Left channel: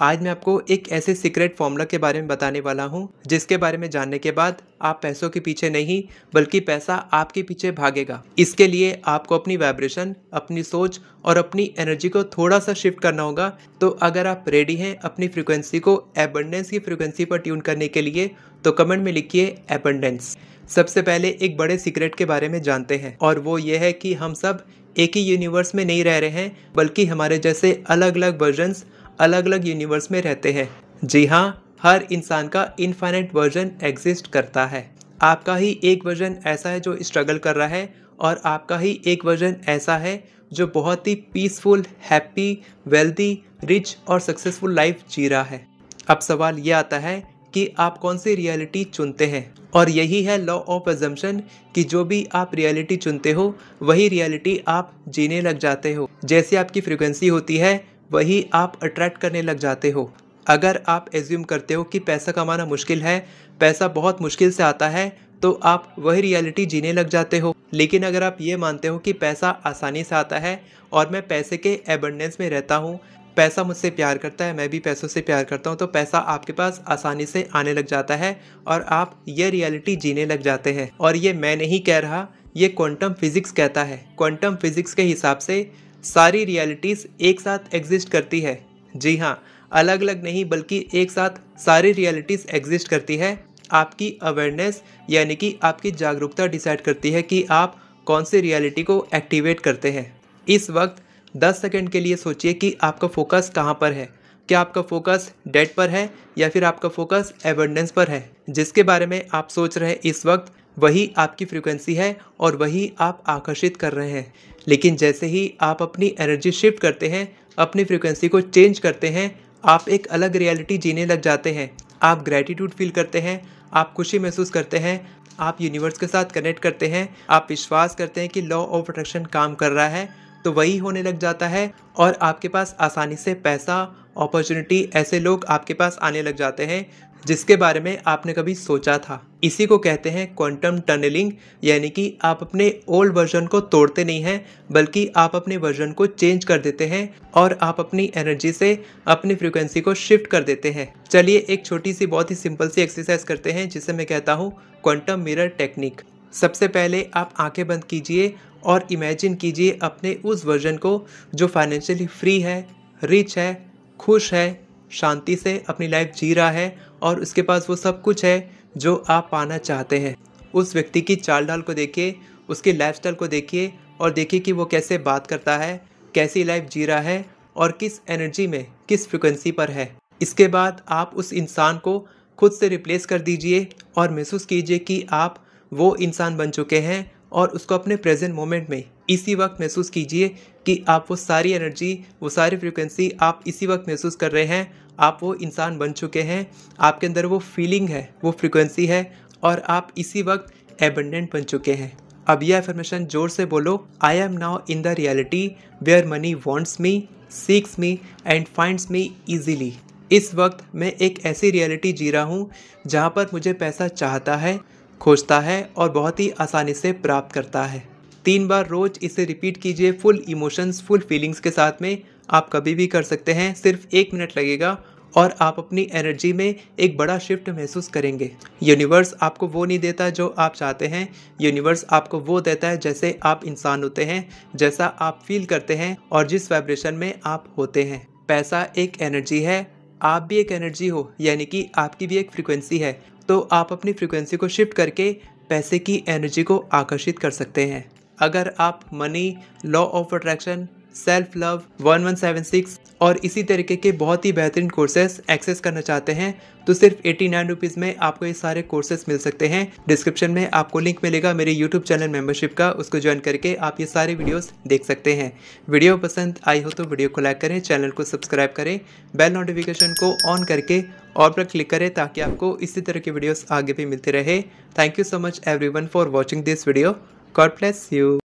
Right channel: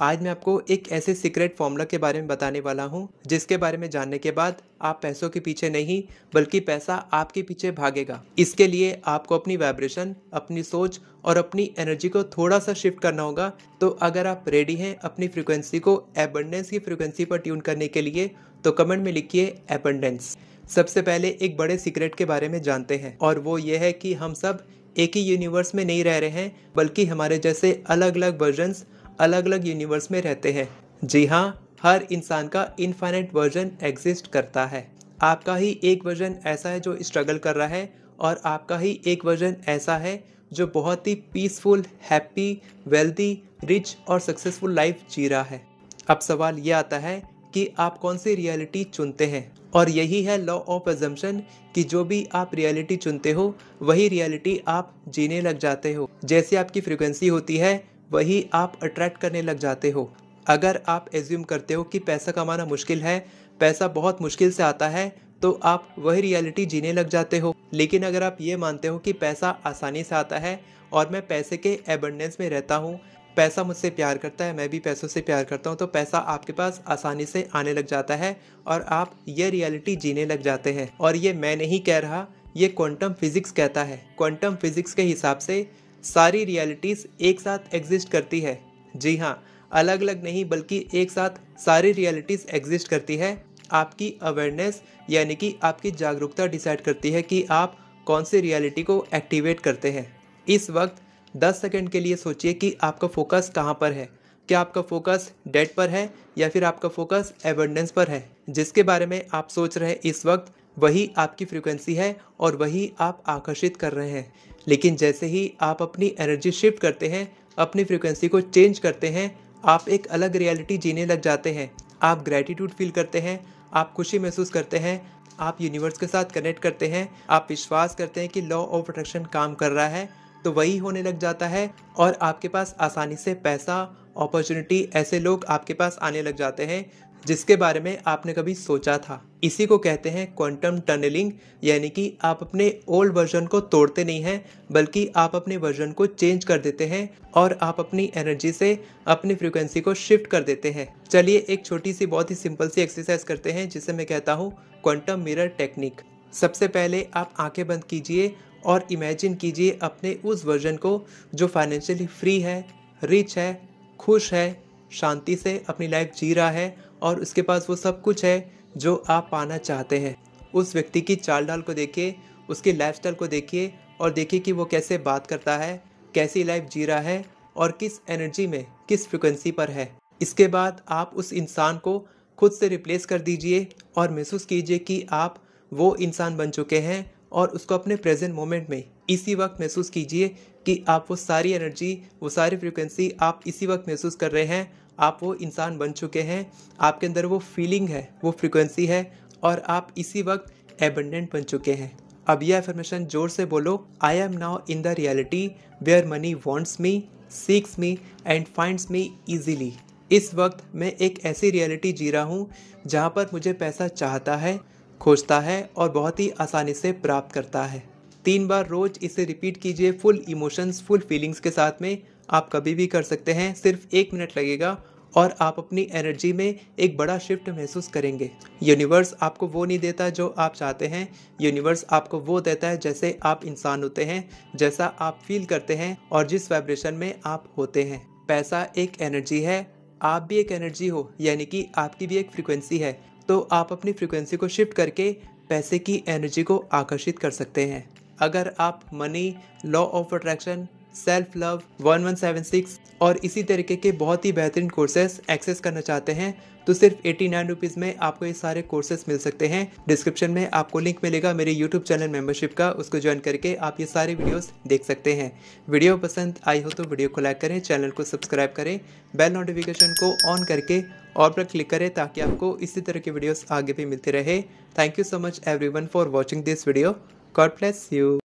आज मैं आपको एक ऐसे सीक्रेट फॉर्मूला के बारे में बताने वाला हूँ जिसके बारे में जानने के बाद आप पैसों के पीछे नहीं बल्कि पैसा आपके पीछे भागेगा। इसके लिए आपको अपनी वाइब्रेशन, अपनी सोच और अपनी एनर्जी को थोड़ा सा शिफ्ट करना होगा। तो अगर आप रेडी हैं अपनी फ्रीक्वेंसी को एबंडेंस की फ्रीक्वेंसी पर ट्यून करने के लिए तो कमेंट में लिखिए एबंडेंस। सबसे पहले एक बड़े सीक्रेट के बारे में जानते हैं और वो ये है कि हम सब एक ही यूनिवर्स में नहीं रह रहे हैं बल्कि हमारे जैसे अलग अलग वर्जन्स अलग अलग यूनिवर्स में रहते हैं। जी हाँ, हर इंसान का इनफाइनाइट वर्जन एग्जिस्ट करता है। आपका ही एक वर्जन ऐसा है जो स्ट्रगल कर रहा है और आपका ही एक वर्जन ऐसा है जो बहुत ही पीसफुल, हैप्पी, वेल्दी, रिच और सक्सेसफुल लाइफ जी रहा है। अब सवाल ये आता है कि आप कौन सी रियलिटी चुनते हैं, और यही है लॉ ऑफ अजम्पशन कि जो भी आप रियलिटी चुनते हो वही रियलिटी आप जीने लग जाते हो। जैसे आपकी फ्रीक्वेंसी होती है वही आप अट्रैक्ट करने लग जाते हो। अगर आप एज्यूम करते हो कि पैसा कमाना मुश्किल है, पैसा बहुत मुश्किल से आता है, तो आप वही रियलिटी जीने लग जाते हो। लेकिन अगर आप ये मानते हो कि पैसा आसानी से आता है और मैं पैसे के एबंडेंस में रहता हूँ, पैसा मुझसे प्यार करता है, मैं भी पैसों से प्यार करता हूँ, तो पैसा आपके पास आसानी से आने लग जाता है और आप ये रियलिटी जीने लग जाते हैं। और ये मैं नहीं कह रहा, ये क्वांटम फिजिक्स कहता है। क्वांटम फिजिक्स के हिसाब से सारी रियलिटीज एक साथ एग्जिस्ट करती है। जी हाँ, अलग अलग नहीं बल्कि एक साथ सारी रियलिटीज एग्जिस्ट करती है। आपकी अवेयरनेस यानी कि आपकी जागरूकता डिसाइड करती है कि आप कौन सी रियलिटी को एक्टिवेट करते हैं। इस वक्त 10 सेकंड के लिए सोचिए कि आपका फोकस कहाँ पर है। क्या आपका फोकस डेट पर है या फिर आपका फोकस एबंडेंस पर है? जिसके बारे में आप सोच रहे हैं इस वक्त वही आपकी फ्रीक्वेंसी है और वही आप आकर्षित कर रहे हैं। लेकिन जैसे ही आप अपनी एनर्जी शिफ्ट करते हैं, अपनी फ्रीक्वेंसी को चेंज करते हैं, आप एक अलग रियलिटी जीने लग जाते हैं। आप ग्रैटिट्यूड फील करते हैं, आप खुशी महसूस करते हैं, आप यूनिवर्स के साथ कनेक्ट करते हैं, आप विश्वास करते हैं कि लॉ ऑफ अट्रैक्शन काम कर रहा है, तो वही होने लग जाता है और आपके पास आसानी से पैसा, अपॉर्चुनिटी, ऐसे लोग आपके पास आने लग जाते हैं जिसके बारे में आपने कभी सोचा था। इसी को कहते हैं क्वांटम टनलिंग, यानी कि आप अपने ओल्ड वर्जन को तोड़ते नहीं हैं बल्कि आप अपने वर्जन को चेंज कर देते हैं और आप अपनी एनर्जी से अपनी फ्रीक्वेंसी को शिफ्ट कर देते हैं। चलिए एक छोटी सी बहुत ही सिंपल सी एक्सरसाइज करते हैं जिसे मैं कहता हूँ क्वांटम मिरर टेक्निक। सबसे पहले आप आंखें बंद कीजिए और इमेजिन कीजिए अपने उस वर्जन को जो फाइनेंशियली फ्री है, रिच है, खुश है, शांति से अपनी लाइफ जी रहा है और उसके पास वो सब कुछ है जो आप पाना चाहते हैं। उस व्यक्ति की चाल ढाल को देखिए, उसकी लाइफस्टाइल को देखिए और देखिए कि वो कैसे बात करता है, कैसी लाइफ जी रहा है और किस एनर्जी में, किस फ्रिक्वेंसी पर है। इसके बाद आप उस इंसान को खुद से रिप्लेस कर दीजिए और महसूस कीजिए कि आप वो इंसान बन चुके हैं और उसको अपने प्रेजेंट मोमेंट में इसी वक्त महसूस कीजिए कि आप वो सारी एनर्जी, वो सारी फ्रीक्वेंसी आप इसी वक्त महसूस कर रहे हैं। आप वो इंसान बन चुके हैं, आपके अंदर वो फीलिंग है, वो फ्रीक्वेंसी है और आप इसी वक्त एबंडेंट बन चुके हैं। अब यह अफर्मेशन जोर से बोलो, I am now in the reality where money wants me, seeks me and finds me easily. इस वक्त मैं एक ऐसी रियलिटी जी रहा हूँ जहाँ पर मुझे पैसा चाहता है, खोजता है और बहुत ही आसानी से प्राप्त करता है। 3 बार रोज इसे रिपीट कीजिए फुल इमोशंस, फुल फीलिंग्स के साथ में। आप कभी भी कर सकते हैं, सिर्फ 1 मिनट लगेगा और आप अपनी एनर्जी में एक बड़ा शिफ्ट महसूस करेंगे। यूनिवर्स आपको वो नहीं देता जो आप चाहते हैं, यूनिवर्स आपको वो देता है जैसे आप इंसान होते हैं, जैसा आप फील करते हैं और जिस वाइब्रेशन में आप होते हैं। पैसा एक एनर्जी है, आप भी एक एनर्जी हो, यानी कि आपकी भी एक फ्रीक्वेंसी है। तो आप अपनी फ्रीक्वेंसी को शिफ्ट करके पैसे की एनर्जी को आकर्षित कर सकते हैं। अगर आप money, law of attraction, self love, 1176 और इसी तरीके के बहुत ही बेहतरीन कोर्सेस एक्सेस करना चाहते हैं तो सिर्फ 89 रुपीज़ में आपको ये सारे कोर्सेस मिल सकते हैं। डिस्क्रिप्शन में आपको लिंक मिलेगा मेरे यूट्यूब चैनल मेंबरशिप का, उसको ज्वाइन करके आप ये सारे वीडियोस देख सकते हैं। वीडियो पसंद आई हो तो वीडियो को लाइक करें, चैनल को सब्सक्राइब करें, बेल नोटिफिकेशन को ऑन करके ऑल पर क्लिक करें ताकि आपको इसी तरह के वीडियोस आगे भी मिलते रहे। Thank you so much everyone for watching this video. God bless you.